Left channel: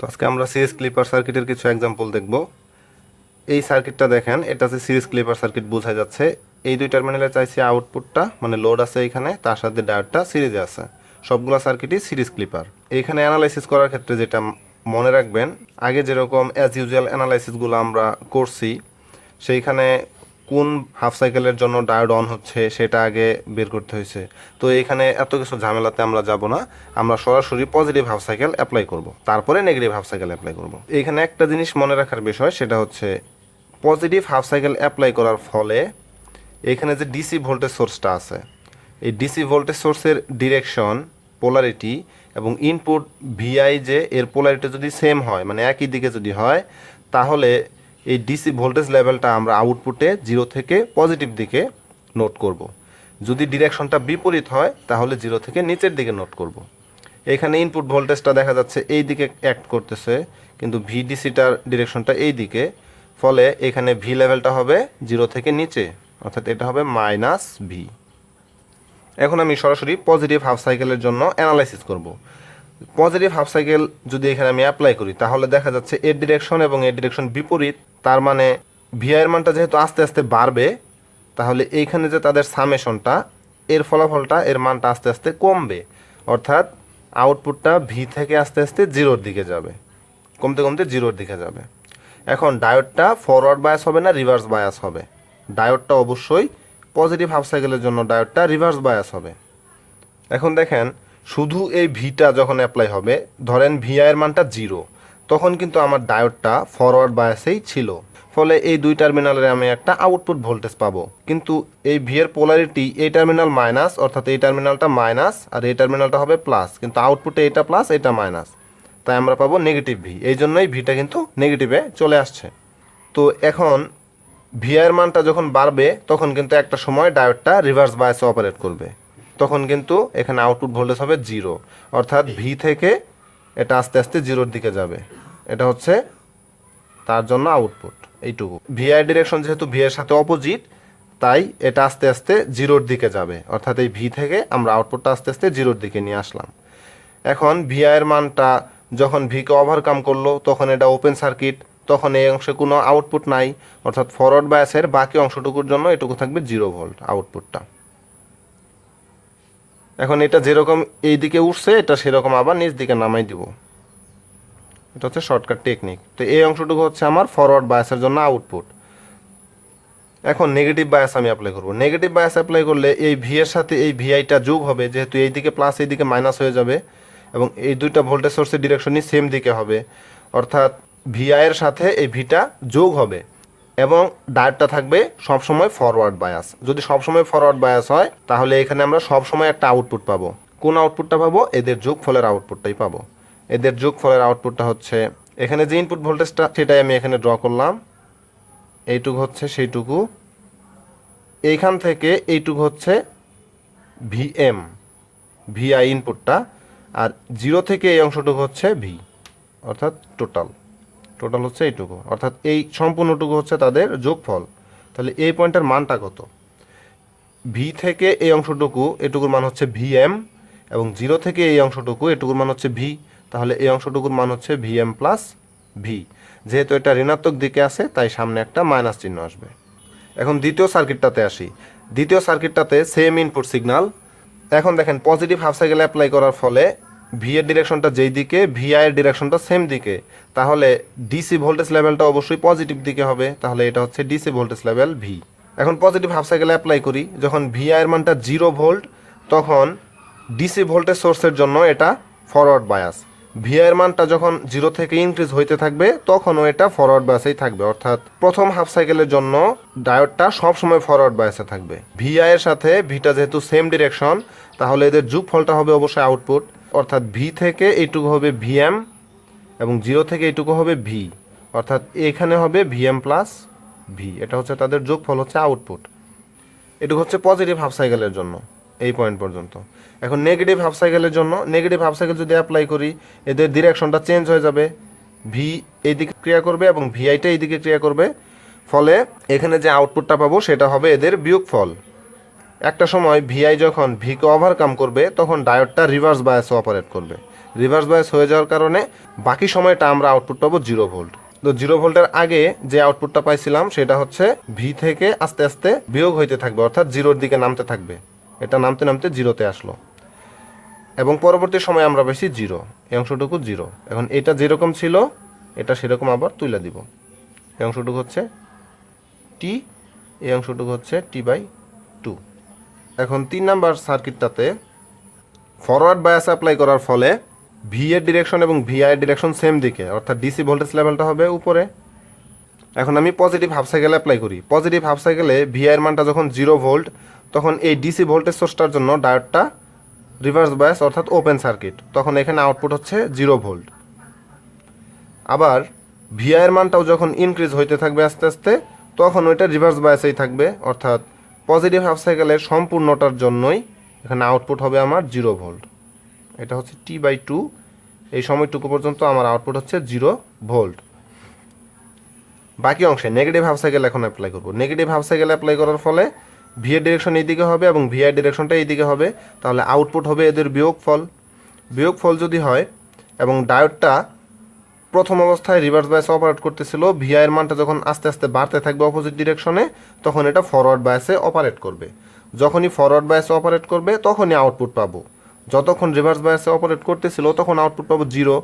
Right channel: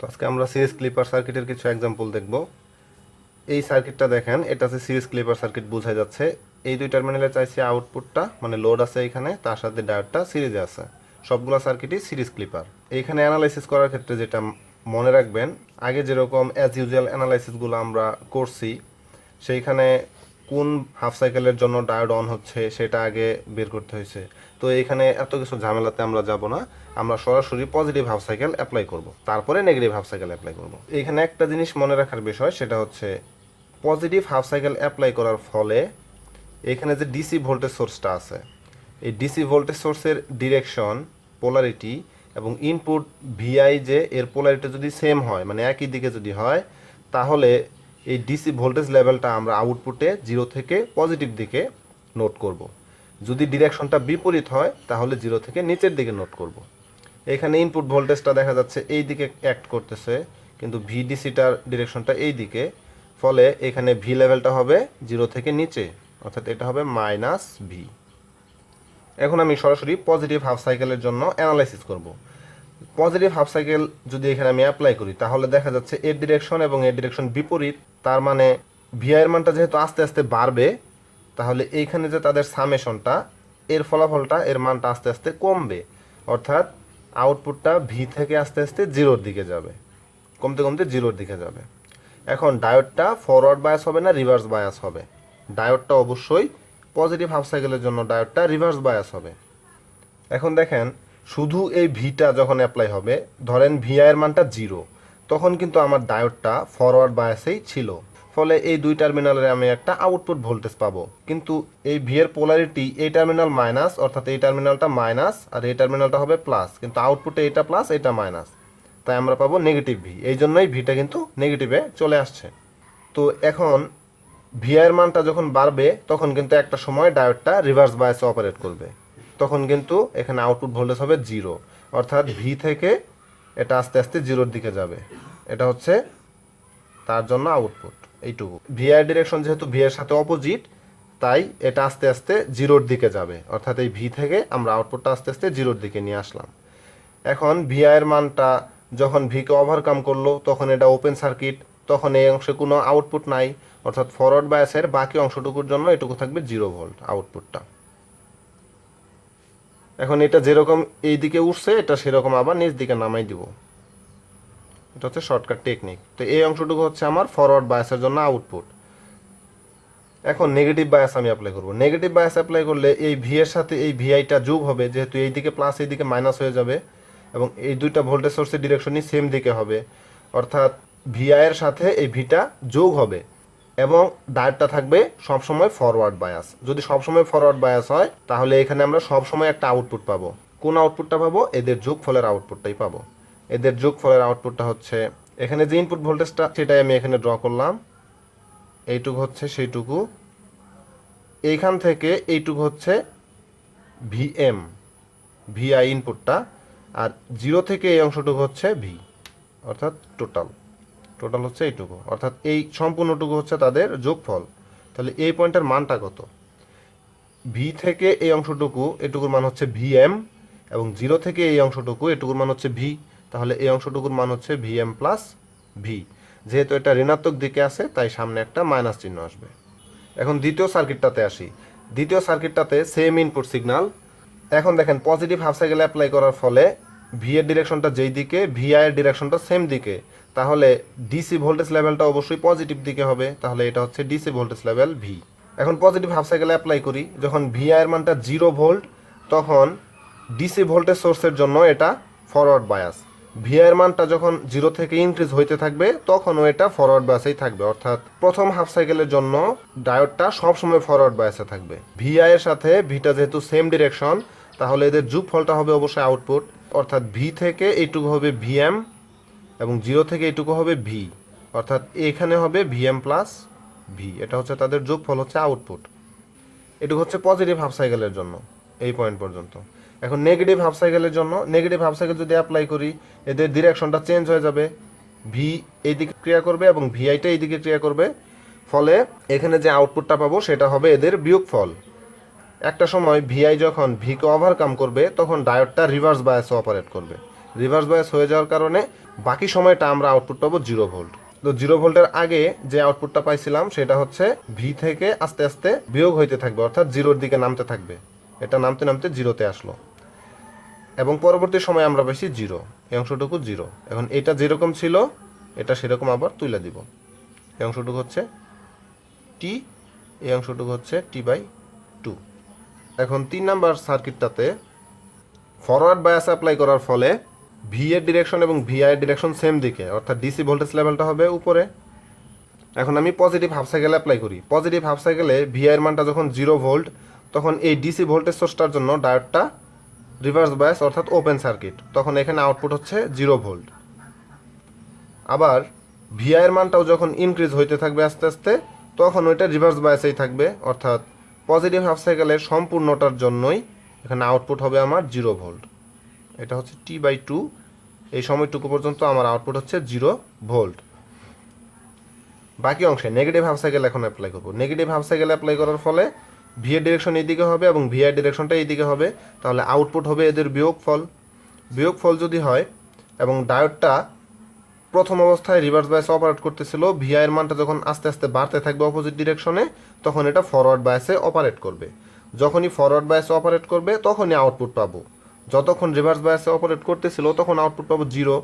তো আজকে আমরা সিরিজ ক্লিপার সার্কিটের কিছু এক্সাম্পল দেখব। এই সার্কিটটা দেখেন, এটা হচ্ছে সিরিজ ক্লিপার সার্কিট, বোঝা যাচ্ছে এই দুই টার্মিনালে চাইছি আউটপুটটা, মানে লোড আছে এখানে, তার সাথে ডায়োডটা সিরিজে আছে। সবগুলো সার্কিটই সিরিজ ক্লিপার। এইখানে অ্যানালাইসিস করার ক্ষেত্রে যেটা মনে রাখবেন, আগে যেরকম অ্যাজ ইউজুয়াল অ্যানালাইসিসগুলো আমরা করছি, সেইখানে কোন হাফ সাইকেলের জন্য ডায়োড অন হচ্ছে সেটা আগে বের করতে হয়েছে। তো এইখানে এত কিছু ঝামেলাতে আমরা যাব না, আমরা সরাসরি পজিটিভ হাফ সাইকেল অ্যাপ্লাই করব, তারপরে নেগেটিভ হাফ সাইকেল অ্যাপ্লাই করব। এইখানে একটা জিনিস মনে রাখার বিষয়, সেটা হচ্ছে পজিটিভ হাফ সাইকেল অ্যাপ্লাই করার ফলে এখানে যে ডিসি ভোল্টেজ সোর্সটা আছে, এই ডিসি ভোল্টেজ সোর্সের ডিরেকশন, পোলারিটি এবং ইনপুট ভিআই যে এর পোলারিটি যদি সেম হয়, মানে একই দিকে যদি হয়, তাহলে এই ডিসি ভোল্টেজ লেভেলটা আমরা আউটপুটে 0 থেকে পজিটিভ দিকে নোট করব। যদি ডিরেকশনটা বিপরীত হয় তাহলে 0 থেকে নিচের দিকে নোট করব। এখানে ইনপুট ভোল্টেজটা দেখা যাচ্ছে এই দিকে অ্যাক্ট করতেছে, কিন্তু ভিডিসিটার ডিরেকশনটা এই দিকে, ফলে এখানে ভি লেভেলটা হবে 0 থেকে নিচে, অর্থাৎ এটা হবে মাইনাস ভি। এখন আমি সরাসরি পজিটিভ হাফ সাইকেলের জন্য অ্যানালাইসিস করব। পজিটিভ হাফ সাইকেল যদি এখানে আমি অ্যাপ্লাই করি, তাহলে দেখা যাচ্ছে এর ডিরেকশন এবং এর ডিরেকশন বিপরীত, তার মানে ভিআই এর মানটা যেহেতু আস্তে আস্তে বাড়বে, তাহলে এইখানে যে তাদের সামেশনটা, এর ফলাফলটা, এর মানটা আস্তে আস্তে কমবে, অর্থাৎ আউটপুটটা ভি থেকে আস্তে আস্তে 0-র দিকে যাবে, কমতে কমতে 0-র দিকে যাবে। এখন ডায়োডটা ফরওয়ার্ড বায়াস হবে না রিভার্স বায়াস হবে? ডায়োডটা অবশ্যই পজিটিভ হাফ সাইকেলের জন্য ডায়োডটা রিভার্স বায়াস হবে। এখন দেখেন, শুধু এই ভিটা যখন অ্যাপ্লাই হবে, ধরেন ভিআই এর মানটা 0, তখন কিন্তু আমার ডায়োডটা ফরওয়ার্ড বায়াসেই ছিল, ফলে এই দুই টার্মিনালে আমি একটা আউটপুট ভোল্টেজ পাবো। কিন্তু এই ভি এর পোলারিটি, এই টার্মিনাল মাইনাস, অর্থাৎ এই টার্মিনালটা মাইনাস আর এই টার্মিনালটা হবে প্লাস, কিন্তু আউটপুটে এটা প্লাস এটা মাইনাস, তাই আমরা পাবো নেগেটিভ ভি। এই জন্যই ভিটা কিন্তু নেগেটিভে চলে আসছে। তো এখন ভিআই এর মানটা যখন বাড়বে, তখন কিন্তু একটা সময় ডায়োডটা রিভার্স বায়াসে অপারেট করবে, তখন কিন্তু এখানে আউটপুট ভোল্টেজ হবে 0, অর্থাৎ ভি থেকে এটা আস্তে আস্তে 0-র দিকে যাবে। এটা হচ্ছে তার জন্য আউটপুট এইটুকু। ভিআই ডিরেকশন যেহেতু ভি এর সাথে অপোজিট, তাই এটা আস্তে আস্তে 0-র দিকে যাবে, অর্থাৎ এই ভি থেকে আমরা আউটপুটটা আস্তে আস্তে 0-র দিকে নিয়ে আসলাম। এখন ভিআই এর মানটা যখন ভিকে ওভারকাম করলো, তখন এটা ওপেন সার্কিট, তখন এই অংশে কোনো আউটপুট নাই, অর্থাৎ ফরওয়ার্ড বায়াসের বাকি অংশটুকুর জন্য এটুকু থাকবে 0 ভোল্ট আউটপুটটা। এখন এটা যেরকম এই দিকে উঠছে, এটা সেরকম আবার নিচ দিকে নামাই দিব। এটা হচ্ছে শর্টকাট টেকনিক। তো এই অংশটুকু হচ্ছে আমার ফরওয়ার্ড বায়াসের জন্য আউটপুট। এখন নেগেটিভ বায়াস আমি অ্যাপ্লাই করব। নেগেটিভ বায়াস অ্যাপ্লাই করলে এই ভি এর সাথে এই ভিআইটা যোগ হবে, যেহেতু এই দিকে প্লাস এই দিকে মাইনাস হয়ে যাবে, এবং এই দুইটা ভোল্টেজ সোর্সের ডিরেকশনই সেম দিকে হবে, অর্থাৎ ভিআই এর সাথে এই ভিটা যোগ হবে, এবং ডায়োডটা থাকবে সবসময় ফরওয়ার্ড বায়াস। যদি সবসময় ফরওয়ার্ড বায়াস হয়, তাহলে এখানে আমরা সবসময় একটা আউটপুট পাবো। কোন আউটপুটটা পাবো? এদের যোগফলের আউটপুটটাই পাবো। এদের যোগফলের আউটপুটটা হচ্ছে, এখানে যে ইনপুট ভোল্টেজটা সেটাই আমি এখানে ড্র করলাম, এইটুকু হচ্ছে সেইটুকু, এইখান থেকে এইটুকু হচ্ছে ভিএম, ভিআই ইনপুটটা, আর 0 থেকে এই অংশটুকু হচ্ছে ভি, অর্থাৎ টোটাল হচ্ছে এইটুকু, অর্থাৎ এই সম্পূর্ণটুকু হচ্ছে তাদের যোগফল। তাহলে এই পয়েন্টের মানটা কত? ভি থেকে এই অংশটুকু, এটুকুর মান হচ্ছে ভিএম, এবং 0 থেকে এই অংশটুকু, এটুকুর মান হচ্ছে ভি, তাহলে এই অংশটুকুর মান হচ্ছে ভিএম প্লাস ভি। যেহেতু এটা ঋণাত্মক দিকে আছে, তাই সামনে একটা মাইনাস চিহ্ন আসবে। এখন দ্বিতীয় সার্কিটটাতে আসি। দ্বিতীয় সার্কিটটাতে সেম ইনপুট সিগন্যাল। এখন দেখেন, পজিটিভ হাফ সাইকেল অ্যাপ্লাই করার ফলে ভি এর ডিরেকশনটা যেই দিকে, ভিআই এর ডিরেকশনটা সেম দিকে, তাহলে ডিসি ভোল্টেজ লেভেলটা অবশ্যই পজিটিভ দিকে হবে, তাহলে এটা হচ্ছে ডিসি ভোল্টেজ লেভেল ভি। এখন পজিটিভ হাফ সাইকেল অ্যাপ্লাই করি, যখন ভিআই এর মানটা 0 ভোল্ট, তখন ডিসি ভোল্টেজ সোর্সের জন্য এটা ফরওয়ার্ড বায়াস। ভিআই এর মানটা যখন 0 থেকে ইনক্রিজ হইতে থাকবে, তখনও এটা ফরওয়ার্ড বায়াসেই থাকবে, অর্থাৎ প্রথম হাফ সাইকেলের জন্য ডায়োডটা সবসময় ফরওয়ার্ড বায়াসে থাকবে। ভিআই এর সাথে ভিটা যেহেতু সেম ডিরেকশন, তাহলে এদের যোগফলটা হবে অবশ্যই আউটপুট, অর্থাৎ ভি থেকে এইটুকু হবে ভিএম, এবং 0 থেকে এইটুকু হবে ভি, অর্থাৎ এখানে হবে ভিএম প্লাস ভি। এটা হচ্ছে তাদের যোগফল, হচ্ছে আউটপুট। এটুকু হচ্ছে পজিটিভ হাফ সাইকেলের জন্য, এই পয়েন্ট পর্যন্ত। এখন নেগেটিভ হাফ সাইকেলের জন্য, নেগেটিভ হাফ সাইকেল যদি অ্যাপ্লাই করি, এদের ডিরেকশনটা চেঞ্জ হয়ে যাবে, ভি এইদিকে ক্রিয়া করবে এবং ভিআইটা এইদিকে ক্রিয়া করবে, ফলে এখানে যে আউটপুটটা পাবো সেটা হবে এদের বিয়োগফল। একটা সময় ভিআই যখন ভিকে ওভারকাম করবে, তখন ডায়োডটা রিভার্স বায়াসে অপারেট করবে, রিভার্স বায়াস হয়ে যাওয়ার কারণে বাকি সময়টা আমরা আউটপুট পাবো 0 ভোল্ট। তো 0 ভোল্টের আগে যে আউটপুটটা পাইছিলাম সেটা হচ্ছে ভি থেকে আস্তে আস্তে বিয়োগ হইতে থাকবে, অর্থাৎ জিরোর দিকে নামতে থাকবে। এটা নামতে নামতে জিরোতে আসলো এবং পরবর্তী সময়ে আমরা পাইছি জিরো, এই অংশটুকু জিরো। এখন এটা যেরকম ছিল এটা সেরকম আবার তুলে দিব। এই অংশটুকু হচ্ছে টি, এই অংশটুকু হচ্ছে T/2। এখন 3 নাম্বার সার্কিটটাতে ফরওয়ার্ড বায়াস অ্যাপ্লাই করার ফলে ভি এর ডিরেকশন এবং ভিআই এর ডিরেকশন সেম দিকে, অর্থাৎ ডিসি ভোল্টেজ লেভেলটা হবে উপরে। এখন আমি পজিটিভ হাফ সাইকেল অ্যাপ্লাই করি। পজিটিভ হাফ সাইকেলে ভিআই এর মানটা যখন 0 ভোল্ট, তখন এই ডিসি ভোল্টেজ সোর্সটার জন্য ডায়োডটা রিভার্স বায়াস অর্থাৎ ওপেন সার্কিট, তখন এখানে আউটপুট হচ্ছে 0 ভোল্ট। আবার ভিআই এর মানটাও যখন ইনক্রিজ হইতে থাকবে আস্তে আস্তে, তখন ওইটা রিভার্স বায়াসেই থাকবে, অর্থাৎ পজিটিভ হাফ সাইকেলের সম্পূর্ণটার জন্যই এখানে আউটপুট হবে আমার 0 ভোল্ট। এটা হচ্ছে T/2, এই সময়টুকু পর্যন্ত আমার আউটপুট হচ্ছে 0 ভোল্ট। বাকি অংশে নেগেটিভ হাফ সাইকেল এখন অ্যাপ্লাই করব। নেগেটিভ হাফ সাইকেল অ্যাপ্লাই করার ফলে ভি এর ডিরেকশন এইদিকে হবে এবং ভি আই ডিরেকশনটা এইদিকে হবে, তাহলে আউটপুট হবে এদের বিয়োগফল। বিয়োগফল যদি হয় এবং ডায়োডটা প্রথম অবস্থায় রিভার্স বায়াসে অপারেট করতেছিল, ভিআই এর মানটা যখন আস্তে আস্তে বাড়তে থাকবে অপোজিট ডিরেকশনে, তখন এটা ফরওয়ার্ড বায়াসে অপারেট করবে। যখনই ফরওয়ার্ড বায়াসে অপারেট করবে তখনই আউটপুট পাবো। যতক্ষণ রিভার্স বায়াসে অপারেট করতেছিল তখন আউটপুট পাবো 0,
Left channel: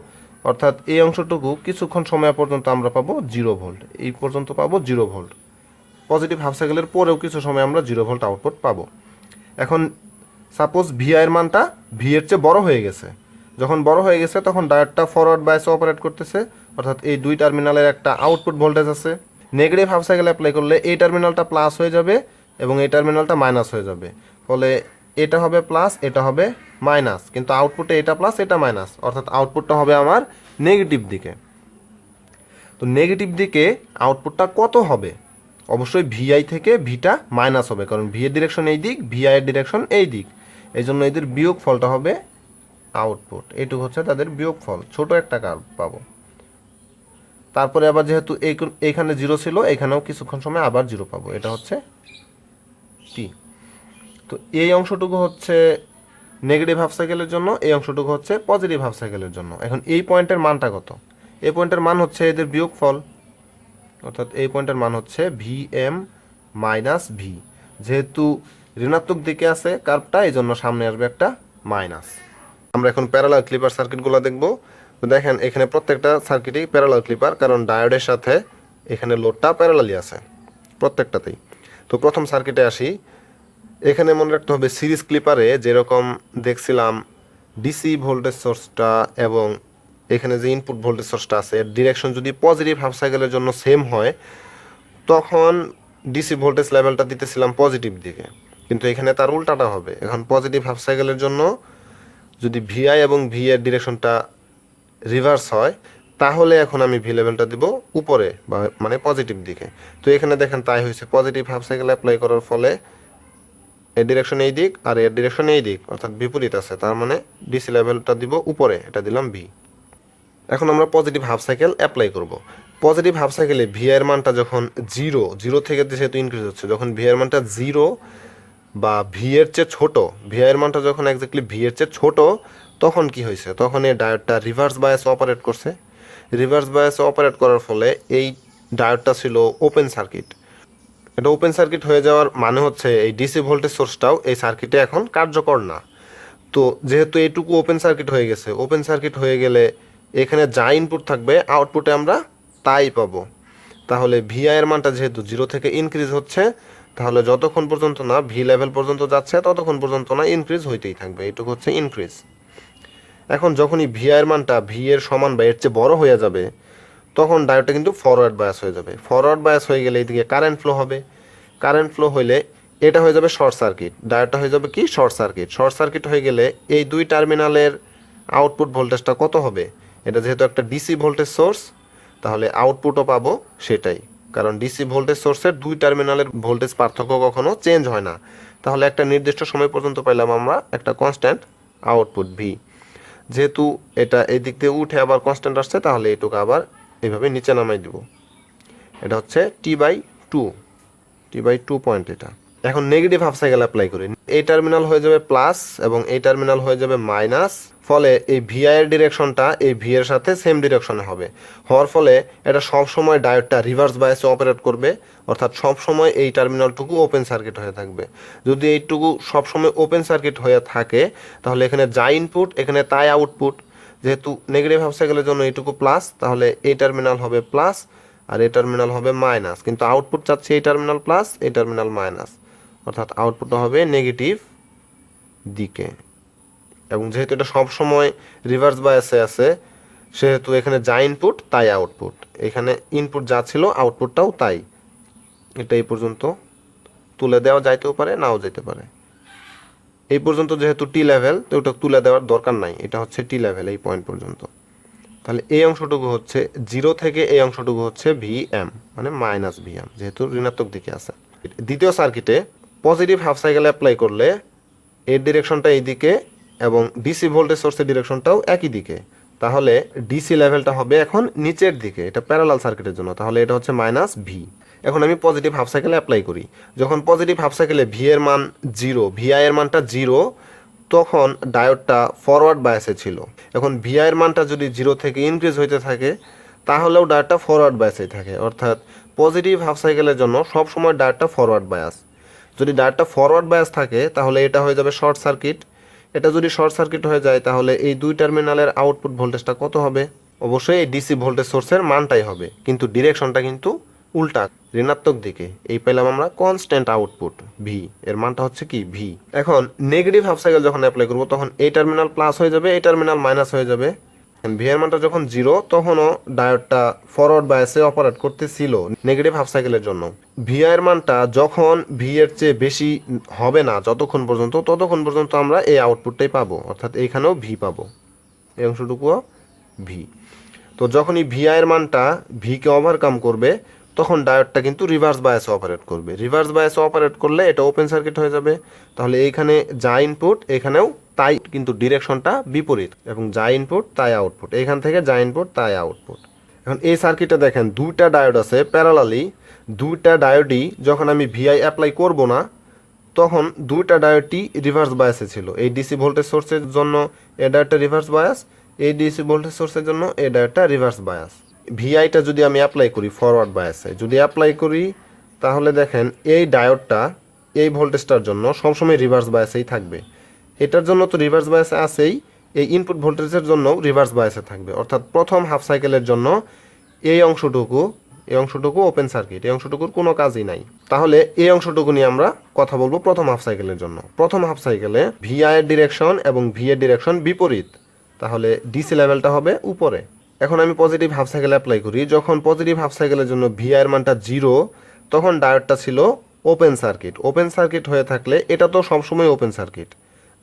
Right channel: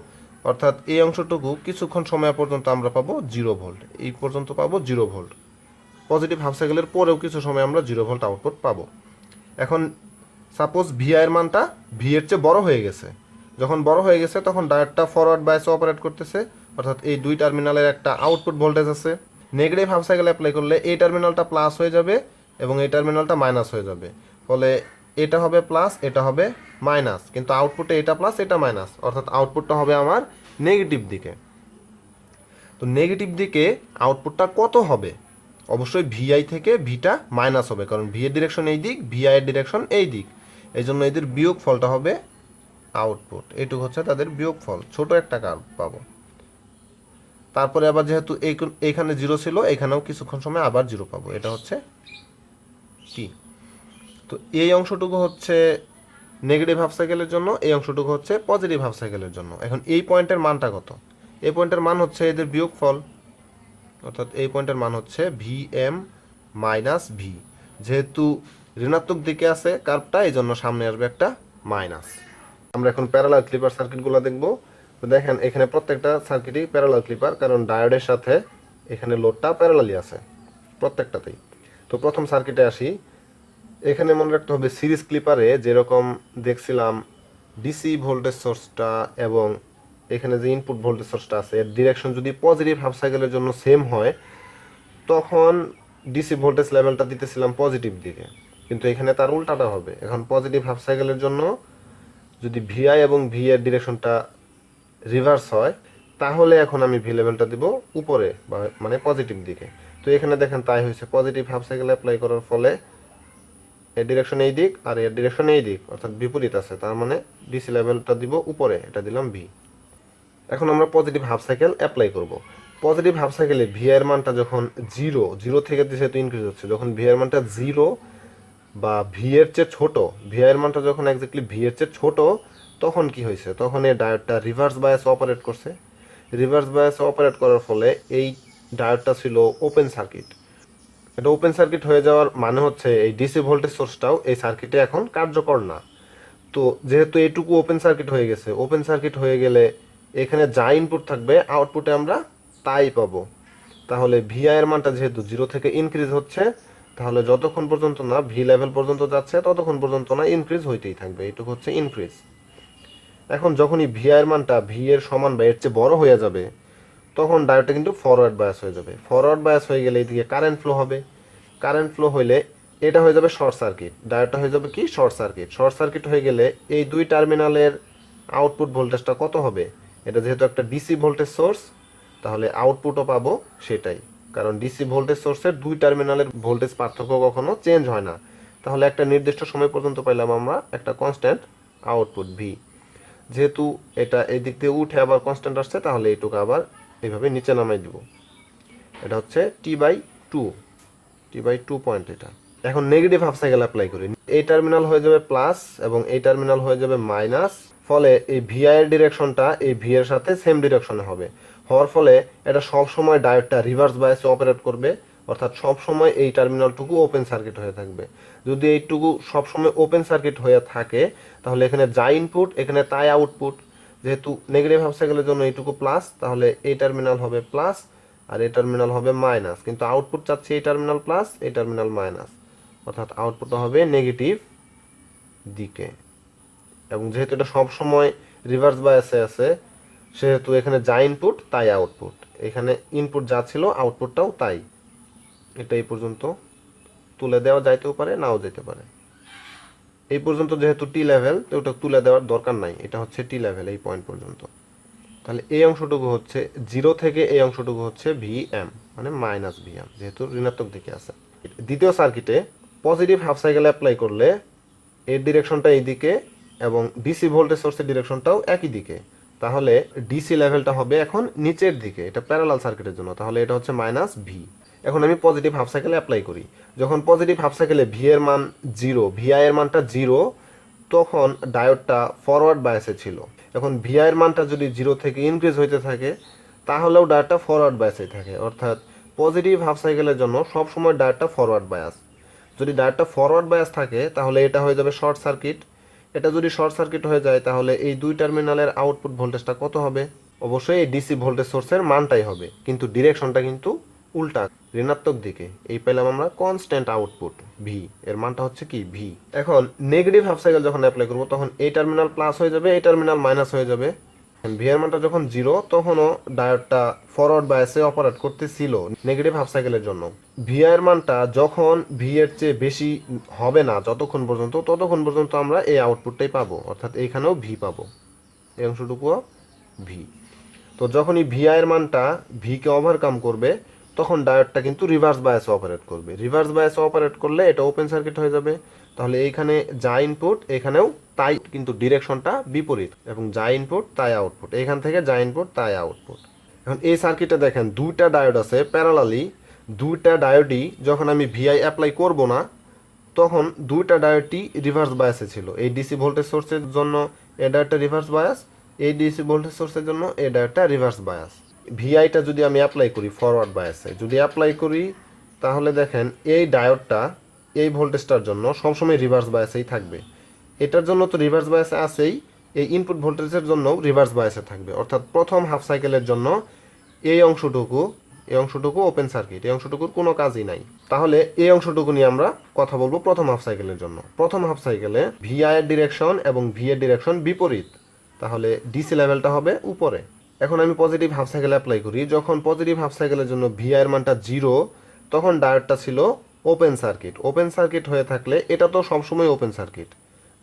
অর্থাৎ এই অংশটুকু কিছুক্ষণ সময় পর্যন্ত আমরা পাবো 0 ভোল্ট, এই পর্যন্ত পাবো 0 ভোল্ট। পজিটিভ হাফ সাইকেলের পরেও কিছু সময় আমরা 0 ভোল্ট আউটপুট পাবো। এখন সাপোজ ভিআই এর মানটা ভি এর চেয়ে বড় হয়ে গেছে। যখন বড় হয়ে গেছে তখন ডায়োডটা ফরওয়ার্ড বায়াসে অপারেট করতেছে, অর্থাৎ এই দুই টার্মিনালের একটা আউটপুট ভোল্টেজ আছে। নেগেটিভ হাফ সাইকেল অ্যাপ্লাই করলে এই টার্মিনালটা প্লাস হয়ে যাবে এবং এই টার্মিনালটা মাইনাস হয়ে যাবে, ফলে এটা হবে প্লাস, এটা হবে মাইনাস, কিন্তু আউটপুটে এটা প্লাস এটা মাইনাস, অর্থাৎ আউটপুটটা হবে আমার নেগেটিভ দিকে। তো নেগেটিভ দিকে আউটপুটটা কত হবে? অবশ্যই ভিআই থেকে ভিটা মাইনাস হবে, কারণ ভি এর ডিরেকশন এই দিক, ভিআই এর ডিরেকশন এই দিক, এই জন্য এদের বিয়োগ ফলটা হবে আউটপুট। এইটুকু হচ্ছে তাদের বিয়োগ ফল, ছোট একটা কার্ভ পাবো। তারপরে আবার যেহেতু এইখানে 0 ছিল, এখানেও কিছুক্ষণ সময় আবার 0 পাবো, এটা হচ্ছে টি। তো এই অংশটুকু হচ্ছে নেগেটিভ হাফ সাইকেলের জন্য, এই অংশটুকু হচ্ছে পজিটিভ হাফ সাইকেলের জন্য। এখন এই পয়েন্টের মানটা কত? এই পয়েন্টের মান হচ্ছে এদের বিয়োগ ফল, অর্থাৎ এই পয়েন্টের মান হচ্ছে ভিএম মাইনাস ভি। যেহেতু ঋণাত্মক দিকে আছে কার্ভটা, এই জন্য সামনে আসবে একটা মাইনাস। আমরা এখন প্যারালাল ক্লিপার সার্কিটগুলো দেখব। তো দেখেন এখানে প্রত্যেকটা সার্কিটই প্যারালাল ক্লিপার, কারণ ডায়োডের সাথে এখানে লোডটা প্যারালালি আছে প্রত্যেকটাতেই। তো প্রথম সার্কিটে আসি। এখানে মনে রাখতে হবে সিরিজ ক্লিপারে যেরকম দেখছিলাম ডিসি ভোল্টেজ সোর্সটা এবং এখানে যে ইনপুট ভোল্টেজ সোর্সটা আছে এর ডিরেকশন যদি পজিটিভ হাফ সাইকেলের জন্য সেম হয়, তখন ডিসি ভোল্টেজ লেভেলটা দিতেছিলাম পজিটিভ দিকে, কিন্তু এখানে তার উল্টাটা হবে। এখন পজিটিভ হাফ সাইকেলের জন্য যদি ভিআই এবং ভি এর ডিরেকশনটা রিভার্স হয়, তাহলে এখন আমি ভি লেভেলটা দিব উপরে বা মানে পজিটিভ দিকে। তো এখানে দেখেন তাই হয়েছে, পজিটিভ হাফ সাইকেল অ্যাপ্লাই করার ফলে এর ডিরেকশন এই দিক আর এর ডিরেকশন এই দিক, অর্থাৎ বিপরীত আছে, তার মানে ডিসি লেভেলটা দিব উপরে, এটা দিলাম ভি। এখন আমরা পজিটিভ হাফ সাইকেল অ্যাপ্লাই করব। পজিটিভ হাফ সাইকেলে ভি এর মানটা যখন 0 থেকে যেহেতু ইনক্রিজ হচ্ছে, যখন ভি এর মানটা 0 বা ভি এর চেয়ে ছোট, ভি এর মানটা যখন এক্স্যাক্টলি ভি এর চেয়ে ছোট, তখন কি হয়েছে? তখন এই ডায়োডটা রিভার্স বায়াসে অপারেট করছে। রিভার্স বায়াসে অপারেট করার ফলে এই ডায়োডটা ছিল ওপেন সার্কিট। এটা ওপেন সার্কিট হয়ে যাওয়ার মানে হচ্ছে এই ডিসি ভোল্টেজ সোর্সটাও এই সার্কিটে এখন কার্যকর না। তো যেহেতু এইটুকু ওপেন সার্কিট হয়ে গেছে, ওপেন সার্কিট হয়ে গেলে এখানে যা ইনপুট থাকবে আউটপুটে আমরা তাই পাবো। তাহলে ভিআই এর মানটা যেহেতু 0 থেকে ইনক্রিজ হচ্ছে, তাহলে যতক্ষণ পর্যন্ত না ভি লেভেল পর্যন্ত যাচ্ছে ততক্ষণ পর্যন্ত না ইনক্রিজ হইতেই থাকবে, এইটুকু হচ্ছে ইনক্রিজ। এখন যখনই ভিআই এর মানটা ভি এর সমান বা এর চেয়ে বড় হয়ে যাবে, তখন ডায়োডটা কিন্তু ফরওয়ার্ড বায়াস হয়ে যাবে। ফরওয়ার্ড বায়াস হয়ে গেলে এইদিকে কারেন্ট ফ্লো হবে। কারেন্ট ফ্লো হইলে এটা হয়ে যাবে শর্ট সার্কিট, ডায়োডটা হয়ে যাবে কি শর্ট সার্কিট। শর্ট সার্কিট হয়ে গেলে এই দুই টার্মিনালের আউটপুট ভোল্টেজটা কত হবে? এটা যেহেতু একটা ডিসি ভোল্টেজ সোর্স, তাহলে আউটপুটও পাবো সেটাই, কারণ ডিসি ভোল্টেজ সোর্সের দুই টার্মিনালের ভোল্টেজ পার্থক্য কখনো চেঞ্জ হয় না। তাহলে একটা নির্দিষ্ট সময় পর্যন্ত পাইলাম আমরা একটা কনস্ট্যান্ট আউটপুট ভি। যেহেতু এটা এই দিক দিয়ে উঠে আবার কনস্ট্যান্ট আসছে, তাহলে এইটুকু আবার এইভাবে নিচে নামাই দিব। এটা হচ্ছে T/2, T/2 পয়েন্ট এটা। এখন নেগেটিভ হাফ সাইকেল অ্যাপ্লাই করি। এই টার্মিনাল হয়ে যাবে প্লাস এবং এই টার্মিনাল হয়ে যাবে মাইনাস। ফলে এই ভিআই এর ডিরেকশনটা এই ভি এর সাথে সেম ডিরেকশনে হবে, হওয়ার ফলে এটা সবসময় ডায়োডটা রিভার্স বায়াসে অপারেট করবে, অর্থাৎ সবসময় এই টার্মিনালটুকু ওপেন সার্কিট হয়ে থাকবে। যদি এইটুকু সবসময় ওপেন সার্কিট হয়ে থাকে তাহলে এখানে যা ইনপুট এখানে তাই আউটপুট। যেহেতু নেগেটিভ হাফ সাইকেলের জন্য এইটুকু প্লাস, তাহলে এই টার্মিনাল হবে প্লাস আর এই টার্মিনাল হবে মাইনাস, কিন্তু আউটপুট চাচ্ছে এই টার্মিনাল প্লাস এই টার্মিনাল মাইনাস, অর্থাৎ আউটপুটটা হবে নেগেটিভ দিকে। এবং যেহেতু এটা সবসময় রিভার্স বায়াসে আছে সেহেতু এখানে যা ইনপুট তাই আউটপুট, এখানে ইনপুট যা ছিল আউটপুটটাও তাই। এটা এই পর্যন্ত তুলে দেওয়া যাইতেও পারে নাও যেতে পারে। এই পর্যন্ত যেহেতু টি লেভেল তো ওটা তুলে দেওয়ার দরকার নাই, এটা হচ্ছে টি লেভেল এই পয়েন্ট পর্যন্ত। তাহলে এই অংশটুকু হচ্ছে জিরো থেকে এই অংশটুকু হচ্ছে ভি এম, মানে মাইনাস ভি এম, যেহেতু ঋণাত্মক দিকে আছে। দ্বিতীয় সার্কিটে পজিটিভ হাফ সাইকেল অ্যাপ্লাই করলে এর ডিরেকশনটা এই দিকে এবং ডিসি ভোল্টেজ সোর্সের ডিরেকশনটাও একই দিকে, তাহলে ডিসি লেভেলটা হবে এখন নিচের দিকে, এটা প্যারালাল সার্কিটের জন্য, তাহলে এটা হচ্ছে মাইনাস ভি। এখন আমি পজিটিভ হাফ সাইকেলে অ্যাপ্লাই করি, যখন পজিটিভ হাফ সাইকেলে ভি এর মান জিরো, ভিআই এর মানটা জিরো, তখন ডায়োডটা ফরওয়ার্ড বায়াসে ছিল। এখন ভিআই এর মানটা যদি জিরো থেকে ইনক্রিজ হইতে থাকে তাহলেও ডায়োডটা ফরওয়ার্ড বায়াসে থাকে, অর্থাৎ পজিটিভ হাফ সাইকেলের জন্য সবসময় ডায়োডটা ফরওয়ার্ড বায়াস। যদি ডায়োডটা ফরওয়ার্ড বায়াস থাকে তাহলে এটা হয়ে যাবে শর্ট সার্কিট। এটা যদি শর্ট সার্কিট হয়ে যায় তাহলে এই দুই টার্মিনালের আউটপুট ভোল্টেজটা কত হবে? অবশ্যই এই ডিসি ভোল্টেজ সোর্সের মানটাই হবে, কিন্তু ডিরেকশনটা কিন্তু উল্টা, ঋণাত্মক দিকে। এই পেলাম আমরা কনস্ট্যান্ট আউটপুট ভি, এর মানটা হচ্ছে কি ভি। এখন নেগেটিভ হাফ সাইকেল যখন অ্যাপ্লাই করবো তখন এই টার্মিনাল প্লাস হয়ে যাবে, এই টার্মিনাল মাইনাস হয়ে যাবে। ভি এর মানটা যখন জিরো তখনও ডায়োডটা ফরওয়ার্ড বায়াসে অপারেট করতেছিল নেগেটিভ হাফ সাইকেলের জন্য। ভি এর মানটা যখন ভি এর চেয়ে বেশি হবে না যতক্ষণ পর্যন্ত, ততক্ষণ পর্যন্ত আমরা এই আউটপুটটাই পাবো, অর্থাৎ এইখানেও ভি পাবো, এই অংশটুকুও ভি। তো যখনই ভিআই এর মানটা ভিকে ওভারকাম করবে তখন ডায়োডটা কিন্তু রিভার্স বায়াসে অপারেট করবে। রিভার্স বায়াসে অপারেট করলে এটা ওপেন সার্কিট হয়ে যাবে, তাহলে এইখানে যা ইনপুট এখানেও তাই, কিন্তু ডিরেকশনটা বিপরীত, এবং যা ইনপুট তাই আউটপুট, এখান থেকে যা ইনপুট তাই আউটপুট। এখন এই সার্কিটে দেখেন দুইটা ডায়োড আছে প্যারালালি, দুইটা ডায়োডই যখন আমি ভিআই অ্যাপ্লাই করব না তখন দুইটা ডায়োডই রিভার্স বায়াসে ছিল। এই ডিসি ভোল্টেজ সোর্সের জন্য এই ডায়োডটা রিভার্স বায়াস, এই ডিসি ভোল্টেজ সোর্সের জন্য এই ডায়োডটা রিভার্স বায়াস। ভিআইটা যদি আমি অ্যাপ্লাই করি ফরওয়ার্ড বায়াসে, যদি অ্যাপ্লাই করি তাহলে দেখেন এই ডায়োডটা এই ভোল্টেজটার জন্য সবসময় রিভার্স বায়াসেই থাকবে। এটার জন্য তো রিভার্স বায়াসে আছেই, এই ইনপুট ভোল্টেজের জন্যও রিভার্স বায়াসে থাকবে, অর্থাৎ প্রথম হাফ সাইকেলের জন্য এই অংশটুকু ওপেন সার্কিট, এই অংশটুকুর কোনো কাজই নাই। তাহলে এই অংশটুকু নিয়ে আমরা কথা বলবো প্রথম হাফ সাইকেলের জন্য। প্রথম হাফ সাইকেলে ভিআই এর ডিরেকশন এবং ভি এর ডিরেকশন বিপরীত, তাহলে ডিসি লেভেলটা হবে উপরে। এখন আমি পজিটিভ হাফ সাইকেল অ্যাপ্লাই করি, যখন পজিটিভ হাফ সাইকেলের জন্য ভিআই এর মানটা জিরো তখন ডায়োডটা ছিল ওপেন সার্কিট। ওপেন সার্কিট হয়ে থাকলে এটা তো সবসময় ওপেন সার্কিট,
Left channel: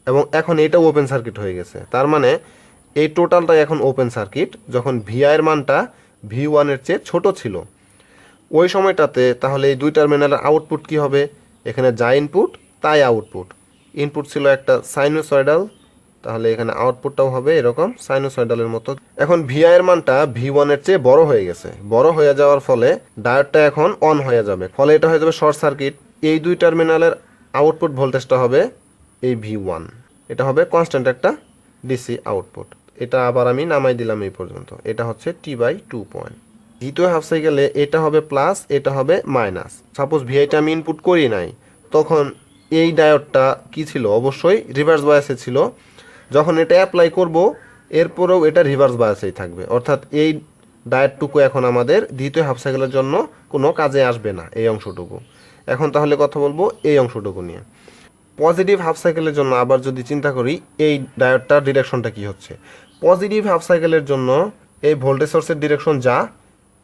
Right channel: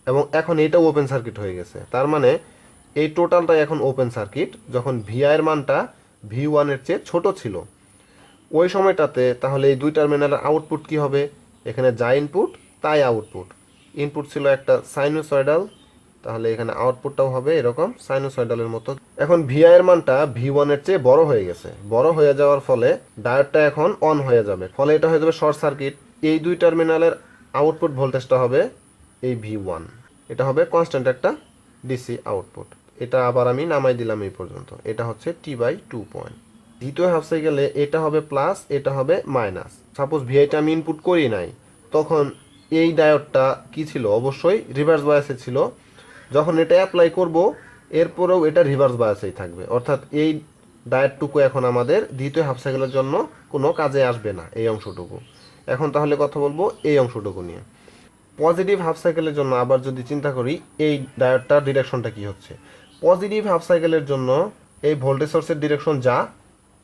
এবং এখন এটাও ওপেন সার্কিট হয়ে গেছে, তার মানে এই টোটালটাই এখন ওপেন সার্কিট। যখন ভিআই এর মানটা ভি ওয়ানের চেয়ে ছোট ছিল ওই সময়টাতে, তাহলে এই দুই টার্মিনালের আউটপুট কি হবে? এখানে যা ইনপুট তাই আউটপুট। ইনপুট ছিল একটা সাইনোসয়েডাল, তাহলে এখানে আউটপুটটাও হবে এরকম সাইনোসয়েডালের মতো। এখন ভিআই এর মানটা ভি ওয়ানের চেয়ে বড় হয়ে গেছে, বড় হয়ে যাওয়ার ফলে ডায়োডটা এখন অন হয়ে যাবে, ফলে এটা হয়ে যাবে শর্ট সার্কিট। এই দুই টার্মিনালের আউটপুট ভোল্টেজটা হবে এই ভি ওয়ান, এটা হবে কনস্ট্যান্ট একটা ডিসি আউটপুট। এটা আবার আমি নামাই দিলাম এই পর্যন্ত, এটা হচ্ছে T/2 পয়েন্ট। দ্বিতীয় হাফ সাইকেলে এটা হবে প্লাস, এটা হবে মাইনাস। সাপোজ ভিআইটা আমি ইনপুট করি নাই, তখন এই ডায়োডটা কি ছিল? অবশ্যই রিভার্স বায়াসে ছিল। যখন এটা অ্যাপ্লাই করব এরপরেও এটা রিভার্স বায়াসেই থাকবে, অর্থাৎ এই ডায়োডটুকু এখন আমাদের দ্বিতীয় হাফ সাইকেলের জন্য কোনো কাজে আসবে না, এই অংশটুকু। এখন তাহলে কথা বলবো এই অংশটুকু নিয়ে। পজিটিভ হাফ সাইকেলের জন্য আবার যদি চিন্তা করি এই ডায়োডটার ডিরেকশনটা কি হচ্ছে? পজিটিভ হাফ সাইকেলের জন্য এই ভোল্টেজ সোর্সের ডিরেকশন যা,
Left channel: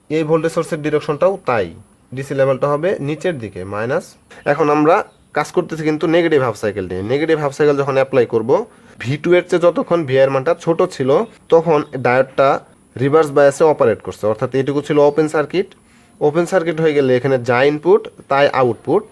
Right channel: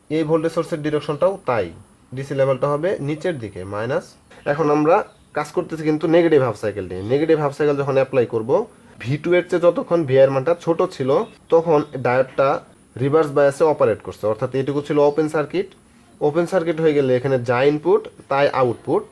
এই ভোল্টেজ সোর্সের ডিরেকশনটাও তাই, ডিসি লেভেলটা হবে নিচের দিকে মাইনাস। এখন আমরা কাজ করতেছি কিন্তু নেগেটিভ হাফ সাইকেল নিয়ে। নেগেটিভ হাফ সাইকেল যখন অ্যাপ্লাই করব ভি টু এর চেয়ে যতক্ষণ ভি এর মানটা ছোট ছিল তখন ডায়োডটা রিভার্স বায়াসে অপারেট করছে, অর্থাৎ এইটুকু ছিল ওপেন সার্কিট। ওপেন সার্কিট হয়ে গেলে এখানে যা ইনপুট তাই আউটপুট,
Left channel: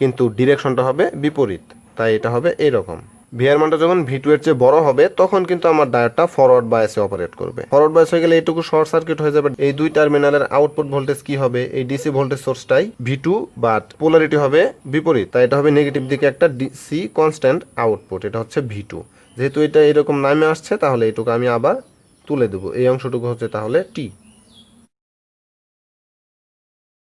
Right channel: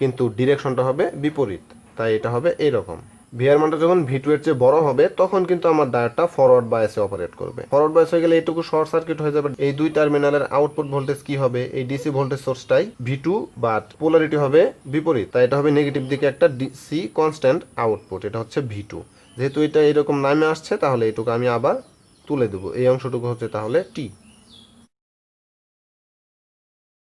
কিন্তু ডিরেকশনটা হবে বিপরীত, তাই এটা হবে এইরকম। ভি এর মানটা যখন ভি টু এর চেয়ে বড় হবে তখন কিন্তু আমার ডায়োডটা ফরওয়ার্ড বায়াসে অপারেট করবে। ফরওয়ার্ড বায়াস হয়ে গেলে এইটুকু শর্ট সার্কিট হয়ে যাবে। এই দুই টার্মিনালের আউটপুট ভোল্টেজ কি হবে? এই ডিসি ভোল্টেজ সোর্সটাই ভি টু, বাট পোলারিটি হবে বিপরীত, তাই এটা হবে নেগেটিভ দিকে একটা ডিসি কনস্ট্যান্ট আউটপুট, এটা হচ্ছে ভি টু। যেহেতু এটা এরকম নামে আসছে তাহলে এটুকু আমি আবার তুলে দেবো, এই অংশটুকু হচ্ছে তাহলে টি।